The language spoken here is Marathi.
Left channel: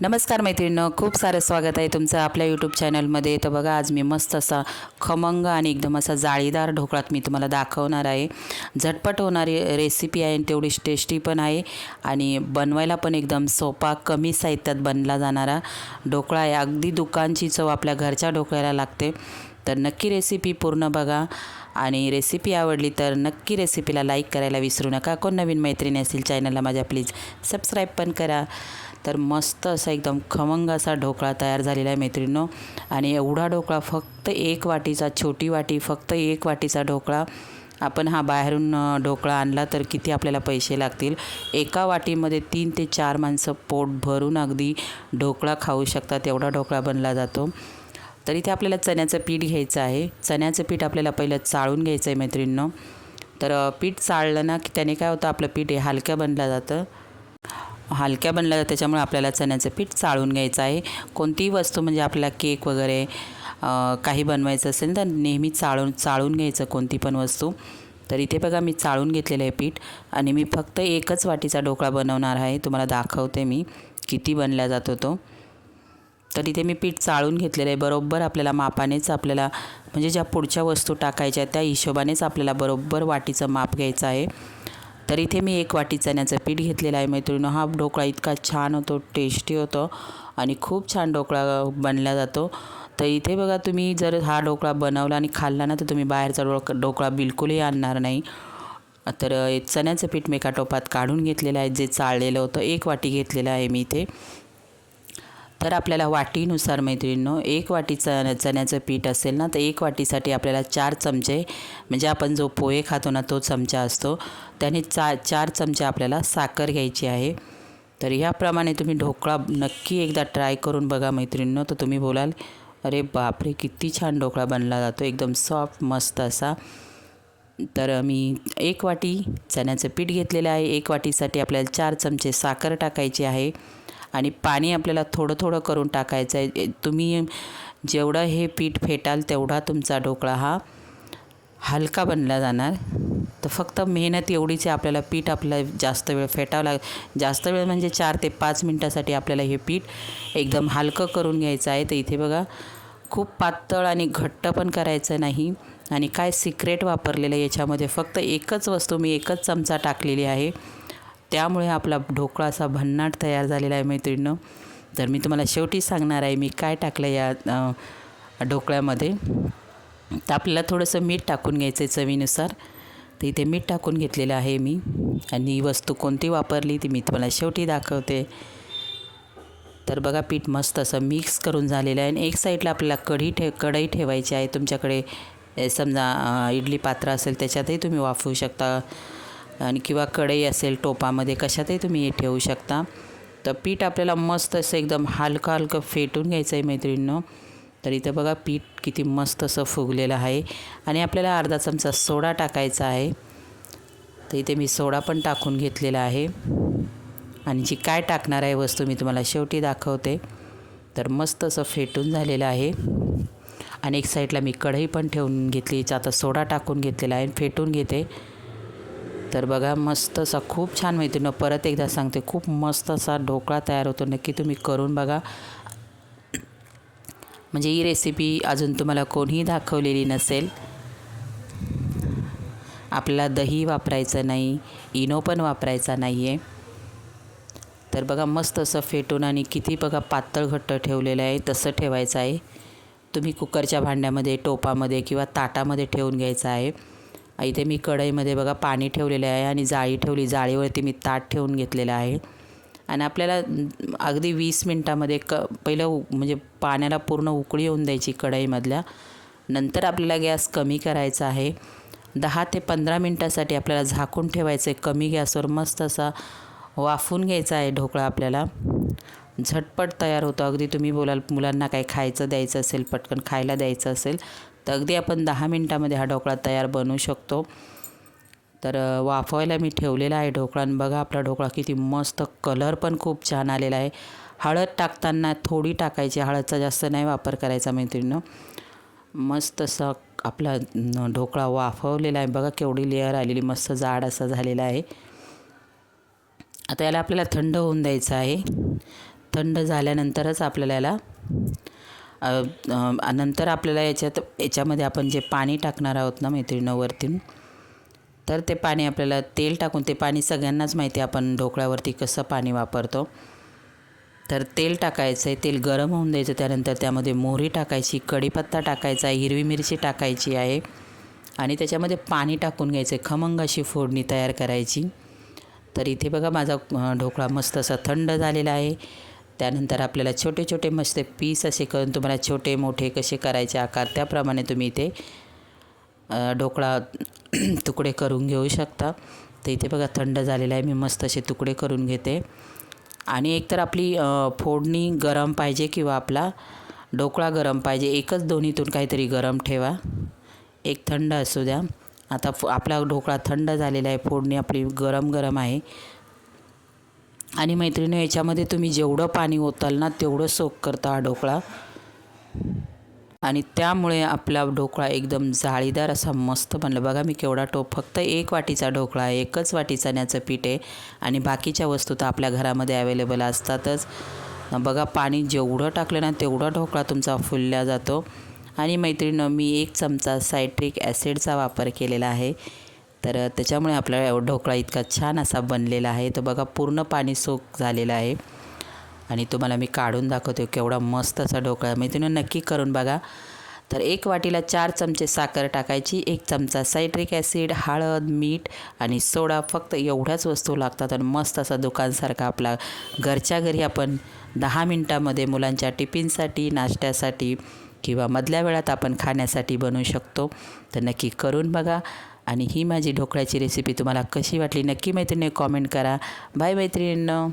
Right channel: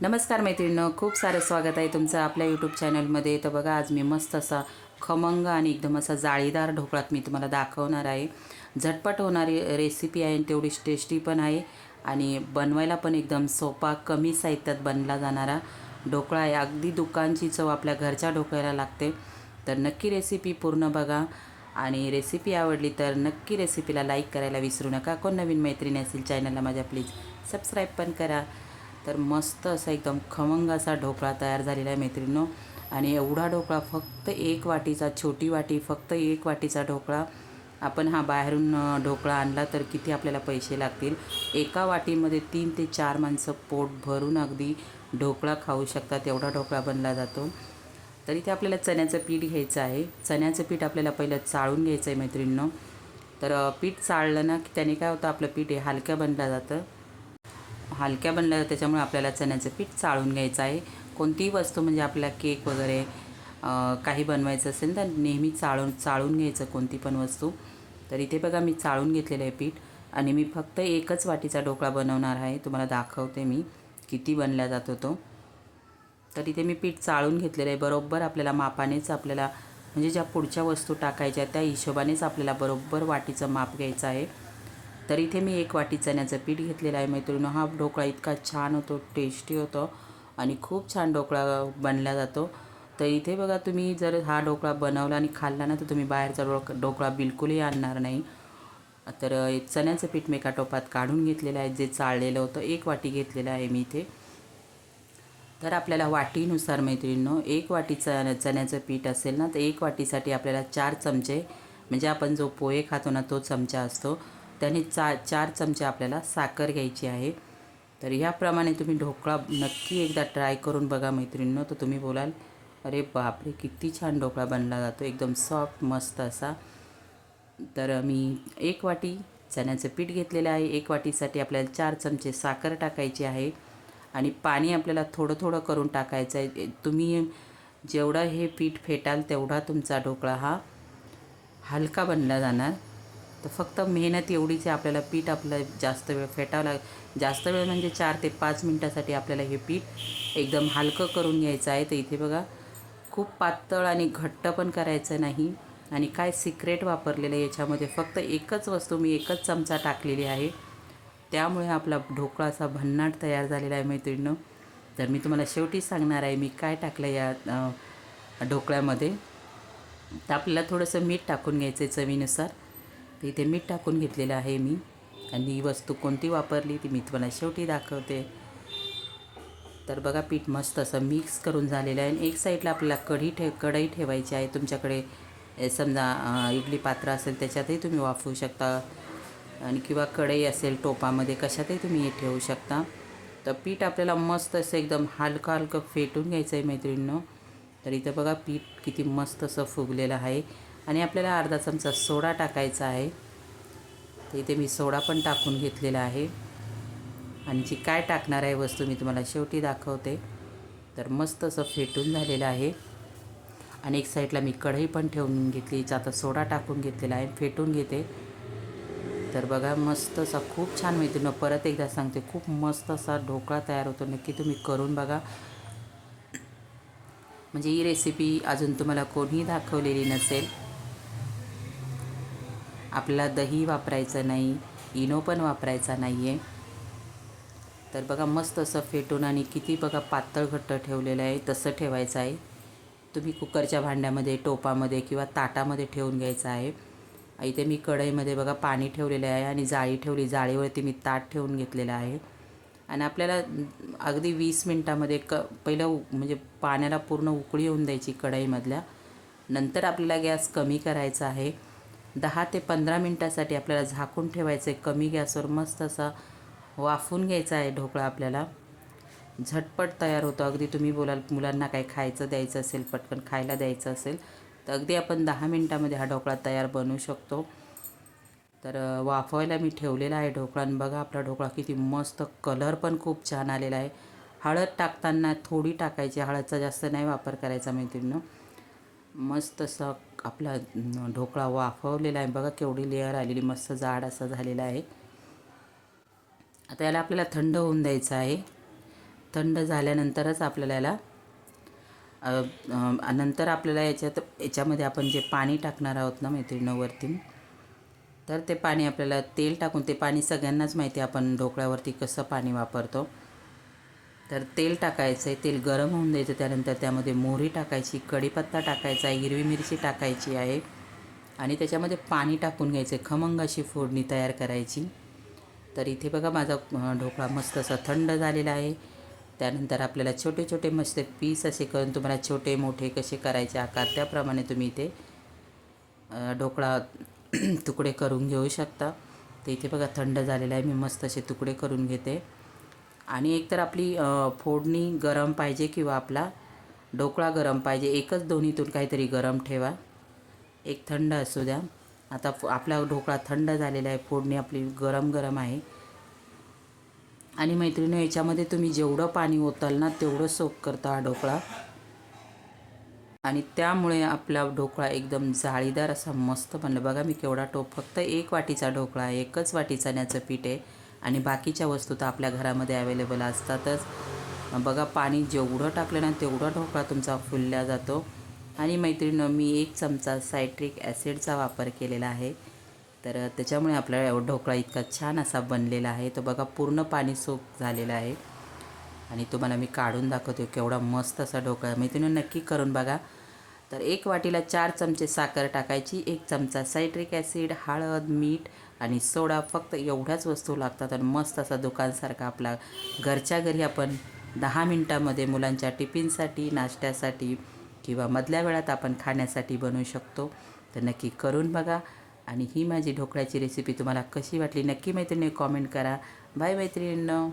नमस्कार मैत्रिणीनं खूप सारं स्वागत आहे तुमचं आपल्या यूट्यूब चॅनलमध्ये तर बघा आज मी मस्त असा खमंग आणि एकदम असा जाळीदार ढोकळात मी तुम्हाला दाखवणार आहे. झटपट होणारी रेसिपी आहे आणि तेवढी टेस्टी पण आहे. आणि बनवायला पण एकदम सोपा कमी साहित्यात बनला जाणारा ढोकळा आहे. अगदी दुकानची चव आपल्या घरच्या ढोकळ्याला लागते. तर नक्की रेसिपी पूर्ण बघा. आणि रेसिपी आवडली तर नक्की रेसिपीला लाईक करायला विसरू नका. कोण नवीन मैत्रिणी असतील चॅनलला माझ्या प्लीज सबस्क्राईब पण करा. तर मस्त असा एकदम खमंग असा ढोकळा तयार झालेला आहे मैत्रिणीनो. आणि एवढा ढोकळा फक्त एक वाटीचा छोटी वाटी फक्त एक वाटीचा ढोकळा. आपण हा बाहेरून ढोकळा आणला तर किती आपल्याला पैसे लागतील? एका वाटीमध्ये तीन ते चार माणसं पोट भरून अगदी ढोकळा खाऊ शकतात. एवढा ढोकळा बनला जातो. तर इथे आपल्याला चण्याचं पीठ घ्यायचं आहे. चण्याचं पीठ आपल्याला पहिलं चाळून घ्यायचं आहे मैत्रिणींनो. तर पीठ चाळलं ना की त्याने काय होतं आपलं पीठ हे हलक्या बनलं जातं. हलक्या बनलं जातं त्याच्यामुळे आपल्याला चण्याचं पीठ चाळून घ्यायचं आहे. कोणतीही वस्तू म्हणजे आपल्याला केक वगैरे काही बनवायचं असेल तर नेहमी चाळून चाळून घ्यायचं कोणती पण वस्तू. तर इथे बघा मी चाळून घेतलेलं आहे पीठ आणि मी फक्त एकच वाटीचा ढोकळा बनवणार आहे. तुम्हाला दाखवते मी किती बनला जातो तो. तर इथे मी पीठ चाळून घेतलेलं आहे. बरोबर आपल्याला मापानेच आपल्याला म्हणजे ज्या पुढच्या वस्तू टाकायच्या त्या हिशोबानेच आपल्याला बरोबर वाटीचं माप घ्यायचं आहे. तर इथे मी एक वाटी चण्याचं पीठ घेतलेलं आहे मैत्रिणीनं. हा ढोकळा इतका छान होतो टेस्टी होतो आणि खूप छान ढोकळा बनला जातो. तर इथे बघा तुम्ही जर हा ढोकळा बनवला आणि खाल्ला ना तर तुम्ही बाहेरचा ढोक ढोकळा बिलकुलही आणणार नाही. तर चण्याचं पीठ मी एका टोपात काढून घेतलेलं आहे जे चाळलेलं होतं. एक वाटी घेतलेलं आहे मी इथे. तर आपल्याला वाटीनुसार मैत्रिणींनो एक वाटी च चण्याचं पीठ असेल ना तर एक वाटीसाठी आपल्याला चार चमचे म्हणजे आपण जो पोहे खातो ना तो चमचा असतो. त्याने चा चार चमचे आपल्याला साखर घ्यायची आहे. तर ह्याप्रमाणे तुम्ही ढोकळा नक्की एकदा ट्राय करून बघा मैत्रिणींनो तर तुम्ही बोलाल अरे बापरे किती छान ढोकळा बनला जातो एकदम सॉफ्ट मस्त असा. तर मी एक वाटी चण्याचं पीठ घेतलेलं आहे. एक वाटीसाठी आपल्याला चार चमचे साखर टाकायची आहे. आणि पाणी आपल्याला थोडं थोडं करून टाकायचं आहे तुम्ही जेवढं हे पीठ फेटाल तेवढा तुमचा ढोकळा हा हलका बनला जाणार. तर फक्त मेहनत एवढीच आहे आपल्याला पीठ आपल्याला जास्त वेळ फेटावं लाग जास्त वेळ म्हणजे चार ते पाच मिनटासाठी आपल्याला हे पीठ एकदम हलकं करून घ्यायचं आहे. तर इथे बघा खूप पातळ आणि घट्ट पण करायचं नाही आणि काय सिक्रेट वापरलेलं आहे याच्यामध्ये. फक्त एकच वस्तू मी एकच चमचा टाकलेली आहे. त्यामुळे आपला ढोकळा असा भन्नाट तयार झालेला आहे मैत्रिणीनं. तर मी तुम्हाला शेवटी सांगणार आहे मी काय टाकलं या ढोकळ्यामध्ये. तर आपल्याला थोडंसं मीठ टाकून घ्यायचं आहे चवीनुसार. तर इथे मीठ टाकून घेतलेलं आहे मी. आणि वस्तू कोणती वापरली ती मी तुम्हाला शेवटी दाखवते. तर बघा पीठ मस्त असं मिक्स करून झालेलं आहे. आणि एक साईडला आपल्याला कढी ठे कढई ठेवायची आहे. तुमच्याकडे समजा इडली पात्र असेल त्याच्यातही तुम्ही वाफवू शकता. आणि किंवा कढई असेल टोपामध्ये कशातही तुम्ही हे ठेवू शकता. तर पीठ आपल्याला मस्त असं एकदम हलकं हलकं फेटून घ्यायचं आहे मैत्रिणीनं. तर इथं बघा पीठ किती मस्त असं फुगलेलं आहे. आणि आपल्याला अर्धा चमचा सोडा टाकायचा आहे. तर इथे मी सोडा पण टाकून घेतलेला आहे. आणि जी काय टाकणार आहे वस्तू मी तुम्हाला शेवटी दाखवते. तर मस्त असं फेटून झालेलं आहे. आणि एक साईडला मी कढई पण ठेवून घेतली. आता सोडा टाकून घेतलेला आहे फेटून घेते. तर बघा मस्त असा खूप छान मैत्रिणी परत एकदा सांगते खूप मस्त असा ढोकळा तयार होतो. नक्की तुम्ही करून बघा. म्हणजे ही रेसिपी अजून तुम्हाला कोणीही दाखवलेली नसेल. आपला दही वापरायचं नाही इनो पण वापरायचा नाही आहे तर बघा मस्त असं फेटून आणि किती बघा पातळ घट्ट ठेवलेलं आहे तसं ठेवायचं आहे. तुम्ही कुकरच्या भांड्यामध्ये टोपामध्ये किंवा ताटामध्ये ठेवून घ्यायचं आहे. इथे मी कढईमध्ये बघा पाणी ठेवलेलं आहे आणि जाळी ठेवली जाळीवरती मी ताट ठेवून घेतलेलं आहे. आणि आपल्याला अगदी वीस मिनटामध्ये क पहिलं म्हणजे पाण्याला पूर्ण उकळी येऊन द्यायची कढईमधल्या. नंतर आपल्याला गॅस कमी करायचा आहे. दहा ते पंधरा मिनटासाठी आपल्याला झाकून ठेवायचं आहे कमी गॅसवर मस्त असा वाफून घ्यायचा आहे ढोकळा आपल्याला. झटपट तयार होतो. अगदी तुम्ही बोलाल मुलांना काही खायचं द्यायचं असेल पटकन खायला द्यायचं असेल तर अगदी आपण दहा मिनटामध्ये हा ढोकळा तयार बनवू शकतो. तर वाफवायला मी ठेवलेला आहे ढोकळा आणि बघा आपला ढोकळा किती मस्त कलर पण खूप छान आलेला आहे. हळद टाकताना थोडी टाकायची हळदचा जास्त नाही वापर करायचा मैत्रिणीनं. मस्त असं आपला ढोकळा वाफवलेला आहे. बघा केवढी लेअर आलेली मस्त जाड असा झालेला आहे. आता याला आपल्याला थंड होऊन द्यायचं आहे. थंड झाल्यानंतरच आपल्याला याला नंतर आपल्याला याच्यात याच्यामध्ये आपण जे पाणी टाकणार आहोत ना मैत्रिणीवरती तर ते पाणी आपल्याला तेल टाकून ते पाणी सगळ्यांनाच माहिती आहे आपण ढोकळ्यावरती कसं पाणी वापरतो. तर तेल टाकायचं आहे तेल गरम होऊन द्यायचं त्यानंतर त्यामध्ये मोहरी टाकायची कढीपत्ता टाकायचा आहे हिरवी मिरची टाकायची आहे. आणि त्याच्यामध्ये पाणी टाकून घ्यायचं आहे खमंग अशी फोडणी तयार करायची. तर इथे बघा माझा ढोकळा मस्त असा थंड झालेला आहे. त्यानंतर आपल्याला छोटे छोटे मस्त पीस असे करून तुम्हाला छोटे मोठे कसे करायचे आकार त्याप्रमाणे तुम्ही इथे ढोकळा तुकडे करून घेऊ शकता. तर इथे बघा थंड झालेला आहे मी मस्त असे तुकडे करून घेते. आणि एकतर आपली फोडणी गरम पाहिजे किंवा आपला ढोकळा गरम पाहिजे एकच दोन्हीतून काहीतरी गरम ठेवा. एक थंड असू द्या. आता आपला ढोकळा थंड झालेला आहे फोडणी आपली गरम गरम आहे. आणि मैत्रिणी याच्यामध्ये तुम्ही जेवढं पाणी ओताल ना तेवढं सोक करता हा ढोकळा. आणि त्यामुळे आपला ढोकळा एकदम जाळीदार असा मस्त बनला. बघा मी केवढा टोप फक्त एक वाटीचा ढोकळा आहे एकच वाटी चण्याचं पीठ आहे. आणि बाकीच्या वस्तू तर आपल्या घरामध्ये अवेलेबल असतातच. बघा पाणी जेवढं टाकलं ना तेवढा ढोकळा तुमचा फुलल्या जातो. आणि मैत्रिणीनं मी एक चमचा सायट्रिक ॲसिडचा वापर केलेला आहे. तर त्याच्यामुळे आपला ढोकळा इतका छान असा बनलेला आहे. तर बघा पूर्ण पाणी सोक झालेला आहे. आणि तुम्हाला मी काढून दाखवते केवढा मस्त असा ढोकळा. मी तुम्ही नक्की करून बघा. तर एक वाटीला चार चमचे साखर टाकायची एक चमचा सायट्रिक ॲसिड हळद मीठ आणि सोडा फक्त एवढ्याच वस्तू लागतात आणि मस्त असा दुकानसारखा आपला घरच्या घरी आपण दहा मिनटामध्ये मुलांच्या टिफिनसाठी नाश्त्यासाठी किंवा मधल्या वेळात आपण खाण्यासाठी बनवू शकतो. तर नक्की करून बघा. आणि ही माझी ढोकळ्याची रेसिपी तुम्हाला कशी वाटली नक्की मैत्रिणी कॉमेंट करा. बाय मैत्रिणींनो.